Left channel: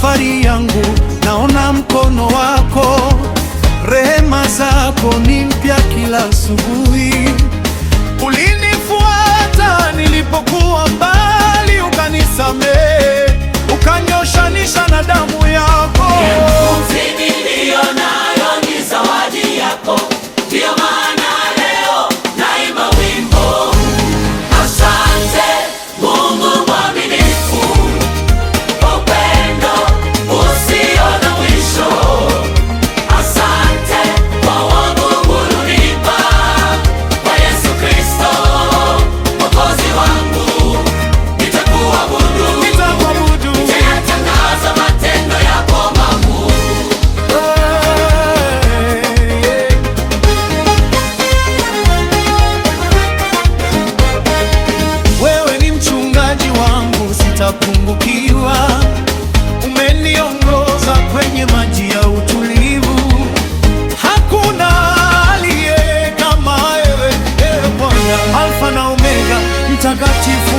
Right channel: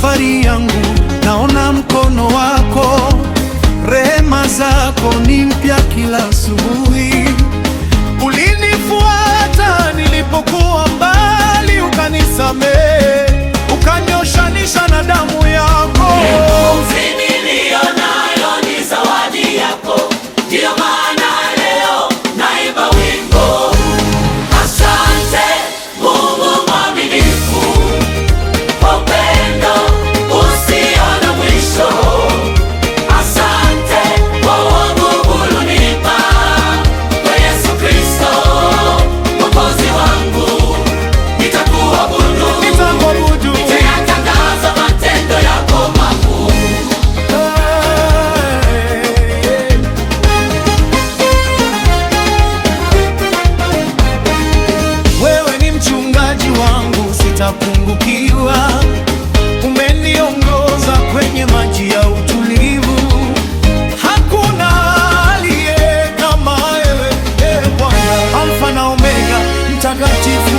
safari yangu, naona mkono wako. Rehema zako ni mpya kila asubuhi. Ulinifuata nilipokuwa mbali, ukanisamehe, ukanyoshanisha na damu yako. Pumzi niliyo nayo ni zawadi yako, ndiyo maana leo naimba wimbo. Asante Mungu mwaminifu, kwa upendo usio na mwisho. Asante kwa wokovu ulonipa, kwa Yesu Kristo Mwokozi wangu. Nitakuabudu, nitayatangaza matendo yako makuu. Wewe ni mchungaji wangu, sitapungukiwa. Umeniongoza kwenye maji ya utulivu. Hakuna aliye kama wewe, Bwana. Alfa na Omega, mtakatifu